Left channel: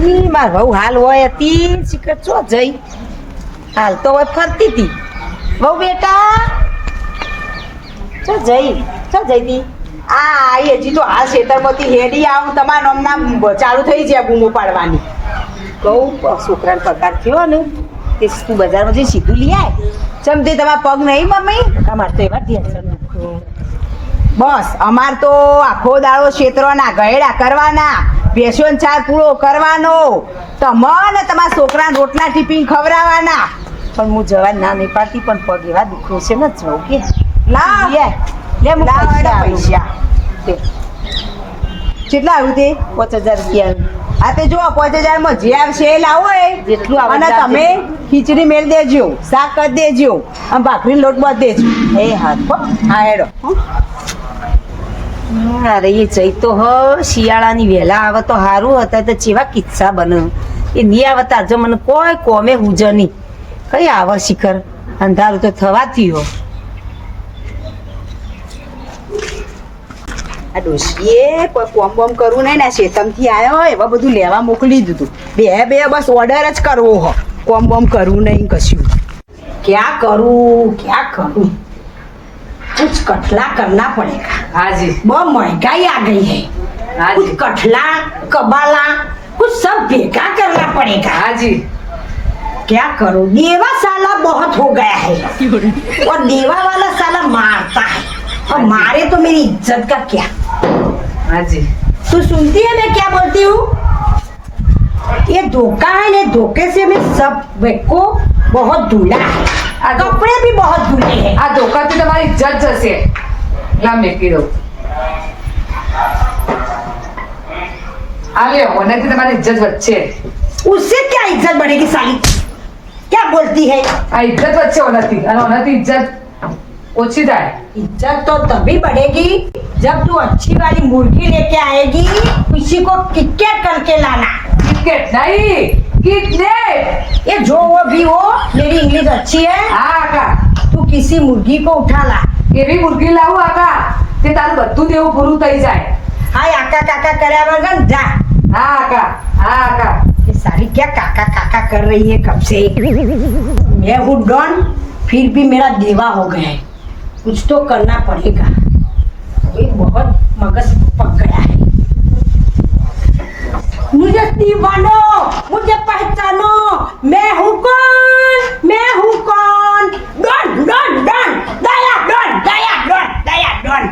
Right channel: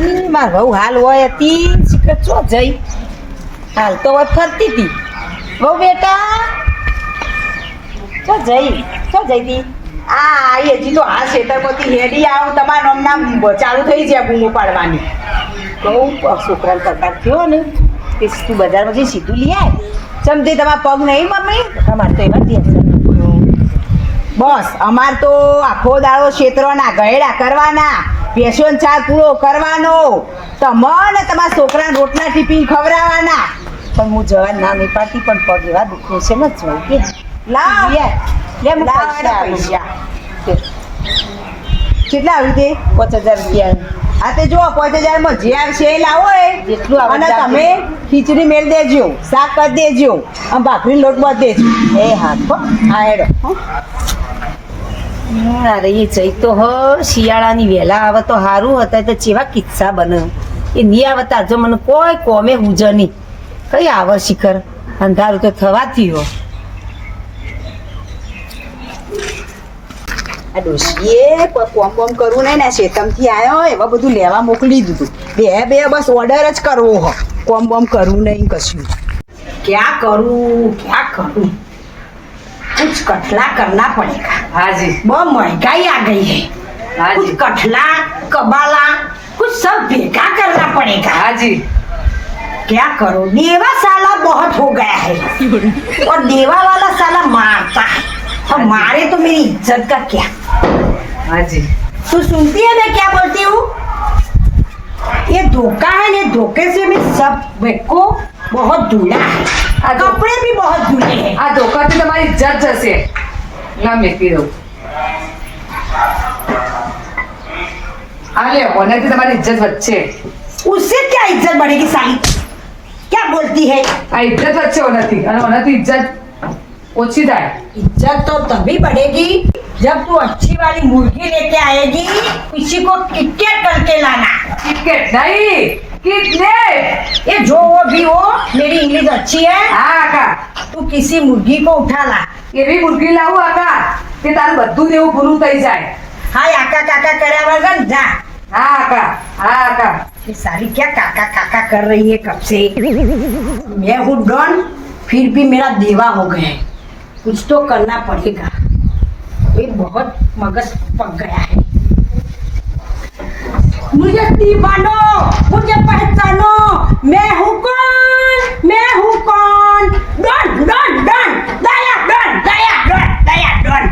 ઈ માર વહુ હાલ હોય હતી શીખર ચો જઈ. હાલ તો હોય ફરતી હતી વહુ બેટા, ચો જઈ ચો જઈ તી. આ આઈ હજી તો આ ખેતરમાંથી હેડી આવું, તમારા નામના ચાલુ થઈ જાય બૂમો પાડવાની. બહુ છોકરાને પગાર થયો ને કે તું બજારમાંથી સીધું લઈ આવે તે તમારા પગ નહીં મમ્મી? અમારે તો એવા ટેન્શન બસ, અમાર તો આખો દાડો ક્ષેત્રોના ગયડા કરવાના. ભેંસોનો ચાર પૂરો કરવાનો. તમને તમારા છોકરાને રોટલા ટિફિન ખવડાવવાના. પણ હું જવા ના નહીં પાડતી પણ પગ એવા દુખે છે ને જવું કે લાવ. લે પૈસા કેટલા આવ્યું તે પાંચ હજાર રૂપિયા. આ તે જુઓ પાંચ હજારમાં જે આવશે એ લાવો એ. જેટલું આવે અને તમે ખીચડી મેળ દેજો શાક કરી દેજો અને ભાખરી લોટ બાંધ દેજો. એ હા હા હેડો. હો. અરે એ જઈ હ. શિયાળાની વહેલા આવે તો સારું હતા તો ચેવા કિસ્સા બને. એ નહીં આવતા જો મને કોઈ કોમે હુજ નહીં. કઈ આવે શિખર? અંધારું તો થવાથી હો આ ડોશીએ કોમ બોમ કરવું નહીં ને, શેતમથી આવ્યો એવા બધું લેવા મોકલી દીધું. બે બે, બસ ઓર્ડર જ કરવો હો. કોમ બોમ કરવું નહીં કશું. ક્યાં કરું ક્યાં કરું? कुछ कठला करना पड़ेगा हाँ जी बहुत महंगाई आ गई है हाँ कुछ जी कठला कबाला कुछ सब बेकार करना पड़ेगा हाँ जी क्या करो देवा साला बहुत हो गया है और देवा वाला साला मारता है और मारे तो मेरी इज्जत का क्या हाँ जी तू सुनती है मैं क्या बोलती हूँ ये धोखा है ये धोखे से मैं सब को बहुत धुला है आ धो- कपड़े भी बहुत धुले हैं આ ધોકાથી તમારી ઇજ્જત જશે લા મેકી દઉં આ લે ઓનાથી તમારી ઇજ્જત વચ્ચે उससे क्या इज्जत बढ़ेगी साली क्या बोलती है આ ઇજ્જત વચ્ચે ઓનાથી અને ઓનાથી ઇજ્જત ઓછી થાય इज्जत तो तभी बढ़ेगी जब तू अच्छी वाली मुर्गी लेके आएगी किसी को किटकेट करके लाना કિટકેટ નહીં કિડનેપ ये जो वो भी हो मेरी इंग्लिश अच्छी है હા આકા तू किसी मुर्गी को उठा ला એવી મુર્ગી લાવું આકા તે તારું બધું દેવું પૂરું થઈ જાય हाय आका काका करे वगन जा હા આકા હા આકા ये सारी क्या काका काका कर रही है कब से मैं हूँ डॉन फिर भी मेरा देवा हो गया है कुछ तो करना पड़ेगा ये बहुत मगज पक गया है मुझे दीवानो मुझे पहचानो मैं हूँ कौन मैं हूँ कौन Don Don Don Daya Don Daya Don Daya Don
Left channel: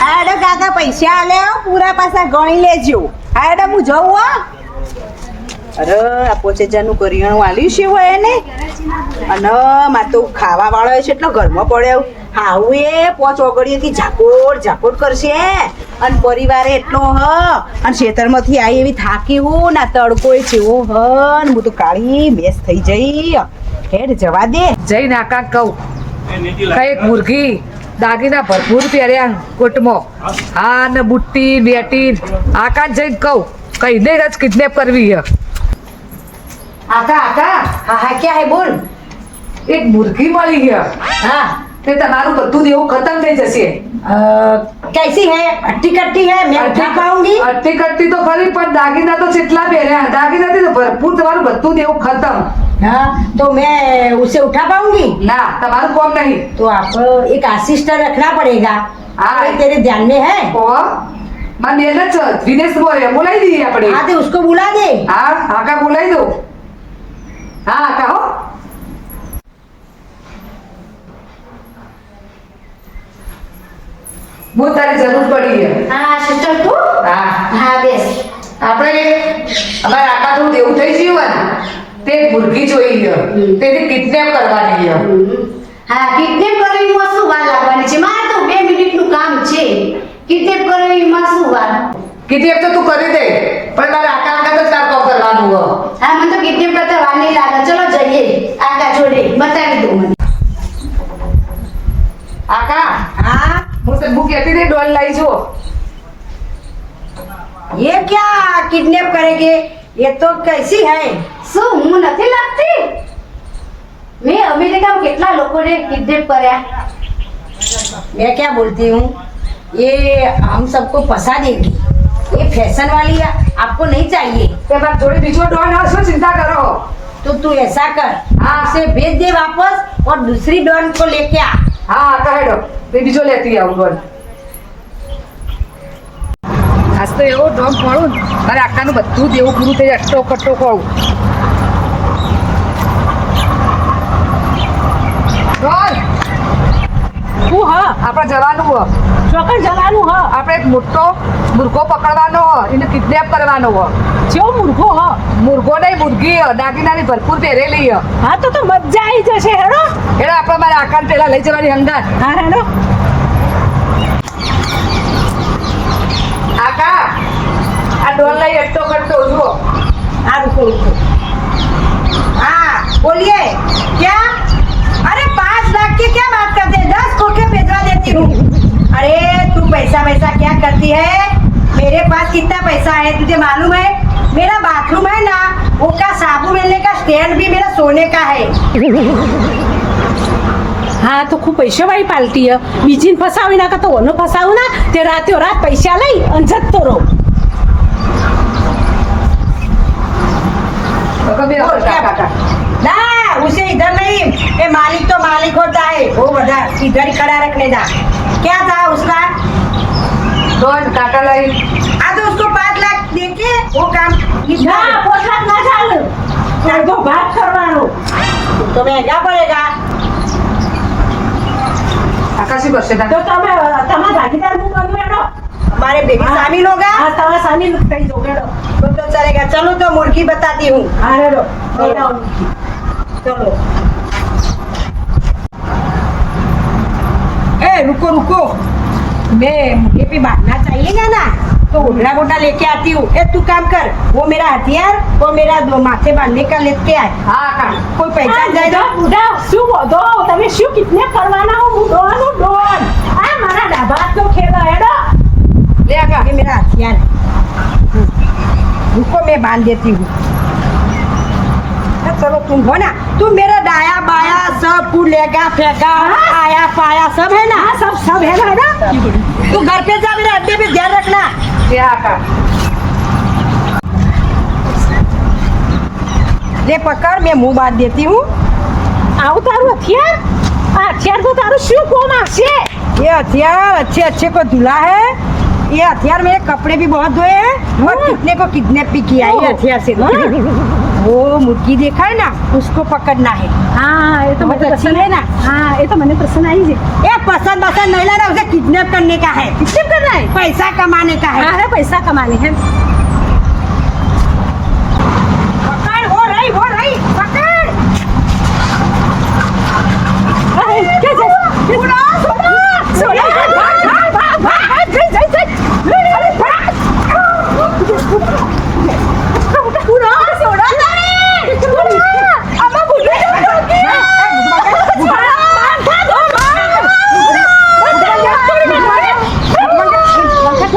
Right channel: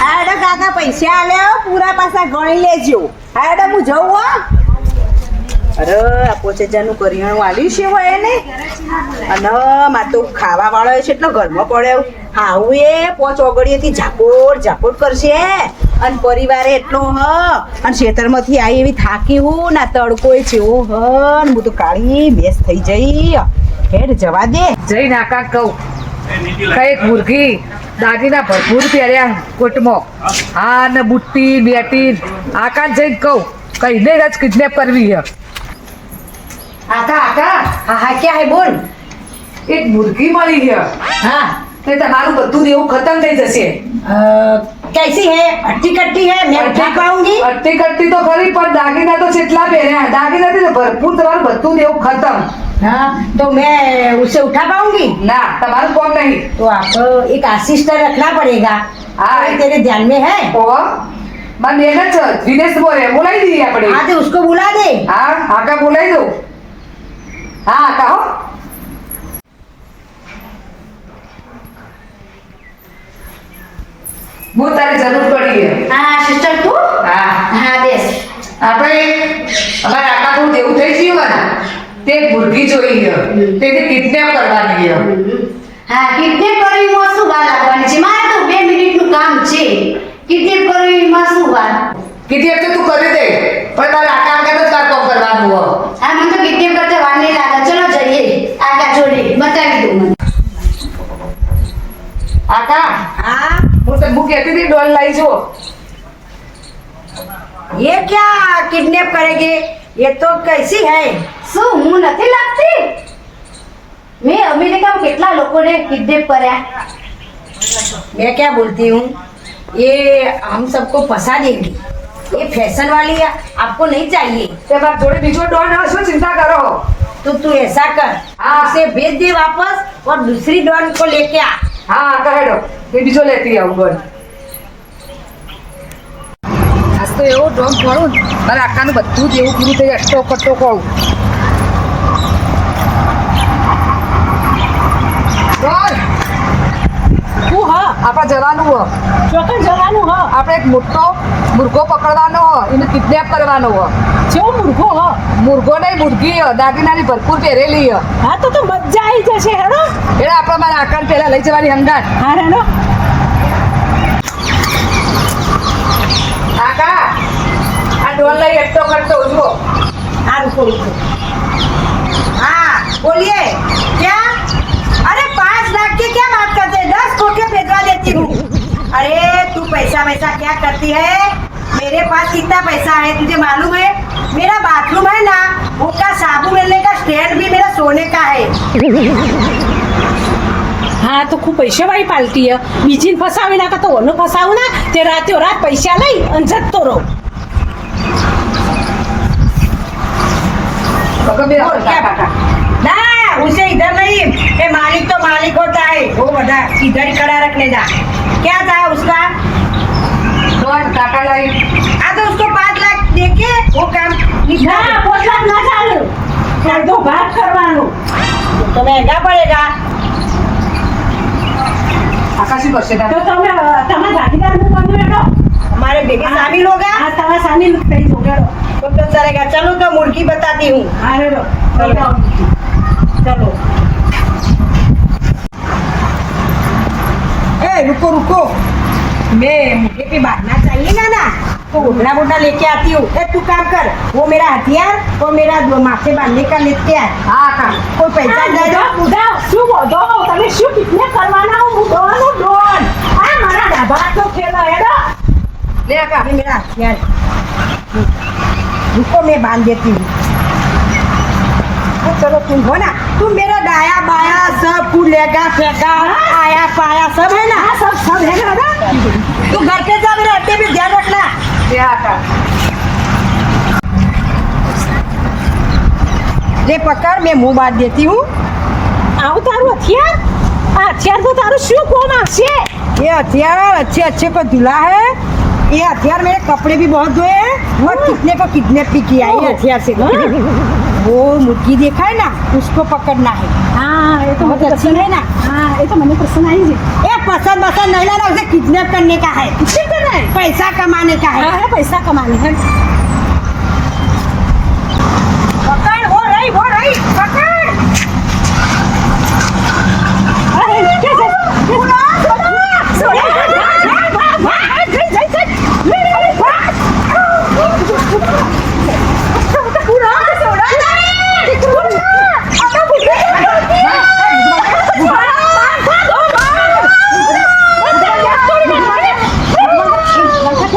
હાડો કાકા પૈસા આલે હો, પૂરા પાછા ગણી લેજો હાડો હું જઉં હો અરે આ પોચે જાનું કરિયાણું આલ્યું છે હોય એને અને મારે તો ખાવા વાળો છે એટલો ઘરમાં પડ્યો હાવું એ પોચ ઓગળીએથી ઝાપોટ ઝાપોટ કરશે અને પરિવારે એટલો હ. અને ખેતરમાંથી આવી એવી થાકી હું ના તડકો એ ઓ હ. ને હું તો કાળી બેસ થઈ જઈ. હેડ જવા દે. જઈને આકા કહું. કંઈક મુરઘી દાગીના ભરપૂર પહેર્યા કોટમાં. હા ને બુટ્ટી બેટી આકા જઈને કહું. કહીને જ કિડનેપ કરવી હે આકા આકા. હા હા ક્યાં હે બોલ? એક મુરઘી મળી ગયા હા. તે તમારું બધું દેવું ખતમ થઈ જશે अ, कैसी है अट्टी कट्टी है मैं उठा पाऊंगी અટતી કટતી તો ખરી પણ દાગીના તો જેટલા પહેર્યા દાગીનાથી તો ભરપૂર તમારું બધું દેવું ખતમ हाँ तो मैं उसे उठा पाऊंगी ના તમારું કોમ નહીં तो आपको एक असिस्टेंट रखना पड़ेगा हाँ। ये तेरे ध्यान में है ઓ મારી બેન જ વિનેશ બોલે બોલાવી દઈએ આપણે हाँ तो उसको बुला दे હા આકા બોલાવી દો હા આકા હો હું તારી જરૂર પડી હા સિસ્ટર તું? હા. હા બેસ. આપણે અમારે આકા થોડું દેવું થઈ જીવવાના તે ભુરગી જોઈ ગયો. તેથી કિડનેપ કરવાની ગયો. હા કિડનેપ કરવી માં શું વાર લાગવાની છે? મારે તો બે મિનિટનું કામ છે. કિડનેપ કરવી માં શું વાર? કિડનેપ તો તું કરી દે પણ મારે આકા અંગત તો તાર કામ કરવાનું હો હા મને તો કિડનેપ કરતા વાર નહીં લાગે. ચલો જઈએ. આકા જોડે બતાવી દઉં મને. આકા? હા? હું તને હું કહેતી હતી ડોલ લાવી જો ये क्या किडनैप करेंगे ये तो कैसी है શું હું નથી લાગતી મેં અમેરિકામાં કેટલા લોકોને કિડનેપ કર્યા मैं क्या बोलती हूँ ये हम सबको फंसा देगी ये फैशन वाली है आपको नहीं चाहिए તે મારા જોડે બીજો ડોન હશે ચિંતા કરો तो तू ऐसा कर हाँ। उसे भेज दे वापस और दूसरी डॉन को लेके आ હા કહેડો તે બીજો લેતી આવું, બોલ. આજ તો એવો ડોમ મળું મારે આકાનું બધું જ એવું પૂરું થઈ જાય અટો કટો કોળું ડોન હું હા? આપણે જવાનું હ. ચોક્કસ જવાનું હ. આપણે એક મોટો મુર્ગો પકડવાનો હ. એને કિડનેપ કરવાનો હ. જેવો મુર્ગો હ. મુર્ગો નહીં મુર્ગી હ. દાગીનાની ભરપૂર પહેરેલી હ. હા તો તો મજા આવી જશે હેડો. એટલે આપણે મારા આકાર પેલા લઈ જવાની અંદર હા હેડો. આ ડોલ લઈ એકટો કરતો ઊભો આ રૂકો રૂકો હા બોલીએ. ક્યાં? અરે પાંચ લાખ કે ક્યાં વાત કરતે દસ કોટી अरे तू पैसा वैसा क्या करती है मेरे पास कितना पैसा है तुझे मालूम है मेरा बाथरूम है ना वो का साबुन मिलने का स्टैंड भी मेरा सोने का है હા તો ખૂબ પૈસાવાળી પાલટી હે બીજીને ફસાવી નાખે તો ઓનો ફસાવું ના તે રાતે રાત પૈસા લઈ અને જતો રહો તો બે और क्या बात ना उसे इधर नहीं ये मालिक तो मालिक होता है वो बता इधर ही खड़ा रखने जा क्या था उसका ડોન ટાટા લઈ हाँ तो उसको पाँच लाख देके वो काम निपटा ના दे। પોટલાક ના ચાલે અડધો ભાગ કરવાનો तो महंगा पड़ेगा આકાશી કરશે તો તમે તમારા ભાગીદાર હું બનવું હેડો हमारे बेबी शामिल होगा હા તમે સામેલ થઈ જાઓ હેડો तो तो चलेगा चलो तो मुर्गी बताती हूँ હા હેડો चलो चलो ए रुको रुको मैं मुझे भी बांधना चाहिए ना तो उड़ना वोडना लेके आती हूँ ए तू काम कर वो मेरा हथियार और मेरा दो माथे बांधने का लेके आए હા આકા कोई पहचान जाएगा બુઢા શું બોધો તમે શું કિડનેપ કરવાના હો હું ડોન હું ડોન આ મારા ડાબા તો ખેલા હેડો લે આકા ये मेरा हथियार है। रुको मैं बांध देती हूँ हाँ, चलो तुम हो ना तुम मेरा दाया बाया सब फूलेगा फेंका आया पाया सब है ना આ સબ સબ હેડો હેડો तू घर पे जा मेरे अड्डे भी ध्यान रखना લે આકા ले पकड़ मैं मुंह बांध देती हूँ આવું તારું હથિયાર આ હથિયાર તો તારું શું કોમ આવશે ये हथियार अच्छे अच्छे को दिला है ये हथियार मेरे कपड़े भी बहुत धोए हैं और कितने को किडनैप भी किया है ये हथियार से वो मुर्गी देखा है ना उसको पकड़ना है हाँ ये तो मुझे पसंद है ना हाँ ये तो मैंने पसंद आई जी ये पसंद पसंद नहीं लाना उसे किडनैप करने का है किडनैप करना है पैसा कमाने का है पैसा कमाने है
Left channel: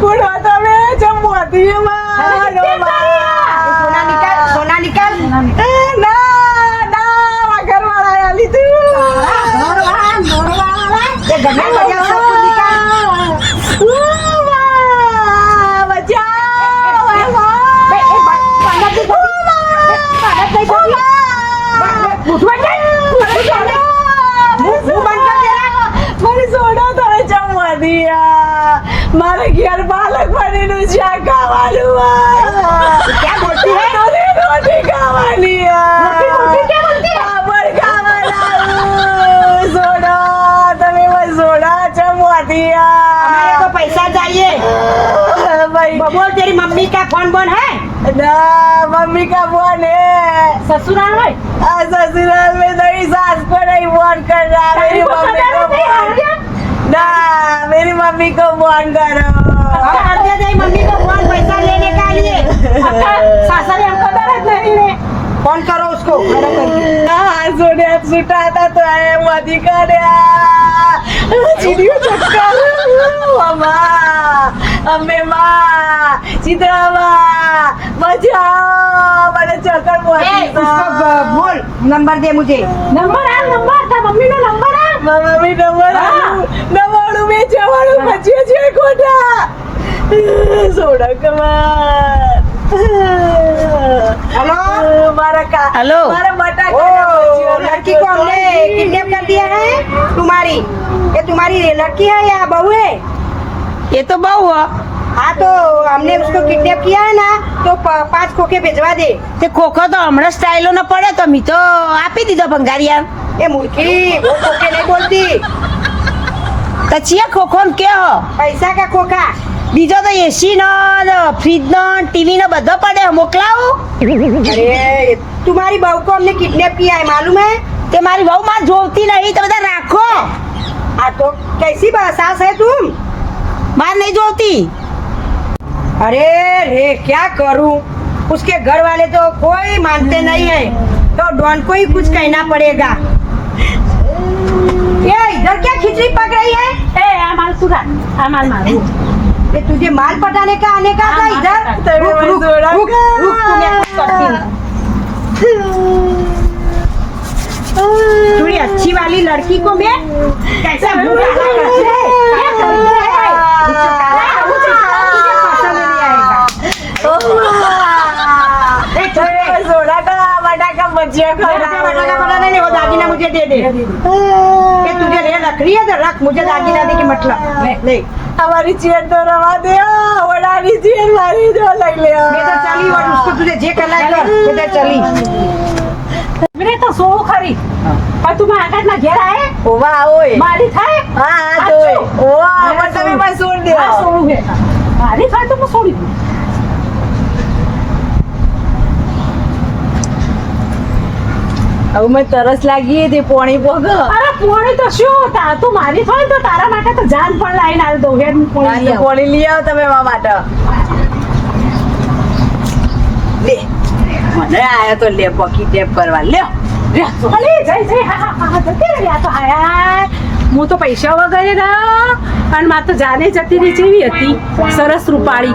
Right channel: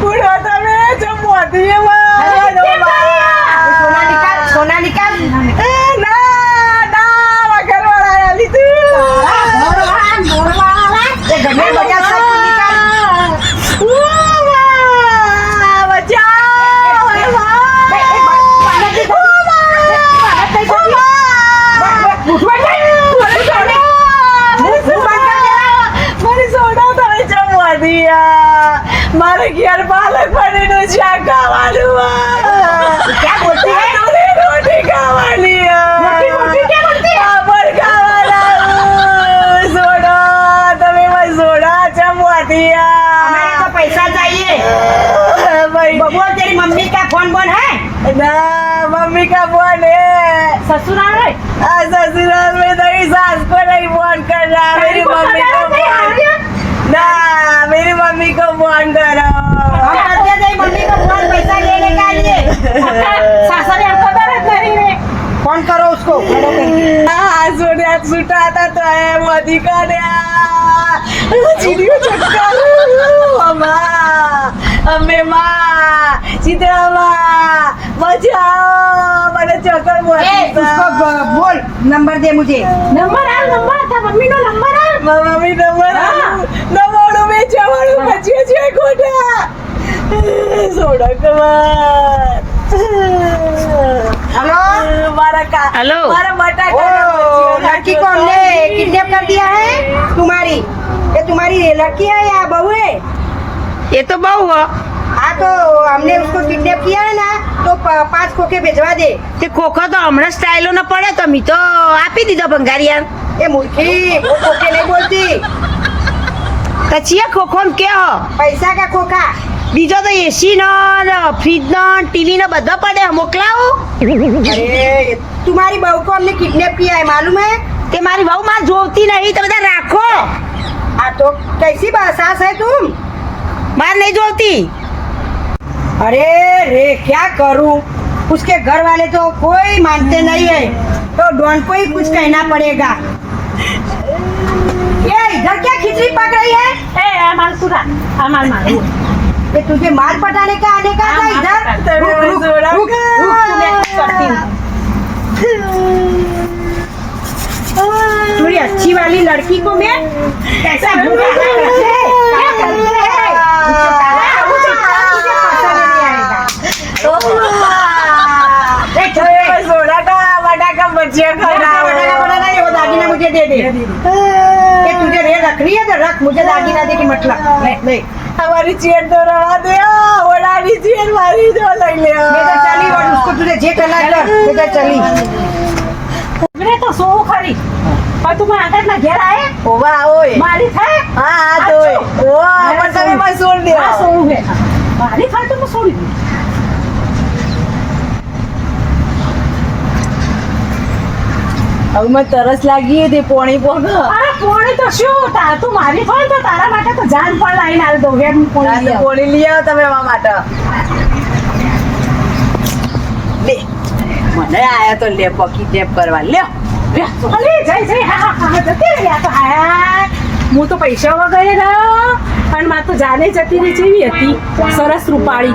કુડો તમે જમવાતીમાં. સોના નિકાલ, સોના નિકાલ. એ ના, ના, વગરવાળા આયા લીધું. ગમે તે ઘેર પાલક પનીરનું શાક ખાવાનું ક્યાં બોલતી હે? રોટી ખાવાની રોટી, રોટી ક્યાં બોલતી હે? પાપડ ખાવાના સોડા તમે મને સોડા ચમવાતી हमारे को पैसा चाहिए भाई बबुआ तेरी मम्मी का फोन बोन है ना मम्मी का फोन है ससुराल में आ, ससुराल में तेरी सास को नहीं फोन कर रहा मेरी को मम्मी को खबर नहीं आ फोन ना को फोन करो कर સાસા કોણ કરો ઉસકો ખડો કરી આ જોડ્યા છૂટા હતા તો એમ અધિકાર્યા ચીડિયું ચક્કર અમા અમે માં ચિત્રામાં બચાઓ મને ચક્કર મોટી બોલ. નંબર દે મુજે. નંબર આ નંબર તા મમ્મી નો નંબર આ મમ્મી નંબર આ નવાણું બે ચવાણું પચીસ છે ખોટા સોડા કમાર हेलो મારા કા हेलो મારા ओ બટાકા लड़की को हमने किडनैप कर दिया है तुम्हारी ये तुम्हारी लड़की है या बहू है ये तो बहू है हाँ तो हमने उसको किडनैप किया है ना तो प- पांच खोखे भिजवा दे તે ખોખો તો હમણાં સ્ટાઇલો ન પડે તો મી તો આપી દીધો ભંગારિયા ये मूर्खी वो खोखे नहीं बोलती તો ચિયા ખોખો ને કે હો पैसा का खोखा બીજો તો એસી નો ફ્રીજ નો ટીવી નો બધો પડે મોકલાવું अरे तुम्हारी बहू को हमने किडनैप किया है मालूम है તે મારી બહુ માં જોવતી નહીં તો બધા રાખો हाँ तो कैसी बा- सास है तुम માર નહીં જોવતી अरे रे क्या करूं उसके घर वाले तो कोई मानते नहीं है तो डॉन को ही कुछ कहना पड़ेगा ये इधर क्या खिचड़ी पक रही है એ આ માલ સુરા આ માલ મારું ये तुझे माल पटाने का आने का था इधर रुक रुक रुक रुक तू मैं कुछ करती हूँ थोड़ी अच्छी वाली लड़की को मैं कैसा भूखा करते हैं करते हैं उसे तुझे पता नहीं आएगा सोडा का वडा का बचिया खा वडा का बनाना नहीं वो दादी ने मुझे दे दे तुझे रख रही है तो रख मुझे दादी ने दे के मतलब नहीं हमारी चेयर तो रवा दे ओलानी चेयर मारी जो लग ले बेटा चली और उसको तुझे जे कला कर बेटा चली मेरे तो सो खरी पर तू मैं अंदर ना घेर आए ओवा ओए मारी था हां तो ओवा पर तो मैं सोड़ दिया हां सो है मारी था तो मैं सोड़ी હવે મને તરસ લાગી હતી પોણી પોગ અરે પોણી તો શું? તા તું મારી થાય તો તારા માટે તો જાન પણ લાવીને આલ દો હેડ પોણી લઈ પોણી લઈ આવ તમે એમાં માટે. લે. મને આયા તો લે પકી ટેપ કરવા. લે અલે જઈ જઈ હા હા હા જતી રહી આ તો હાય. હું તો પૈસા વગર ના અને માર તો જાને જતી રહી જેવી હતી. સરસ રૂપાળી.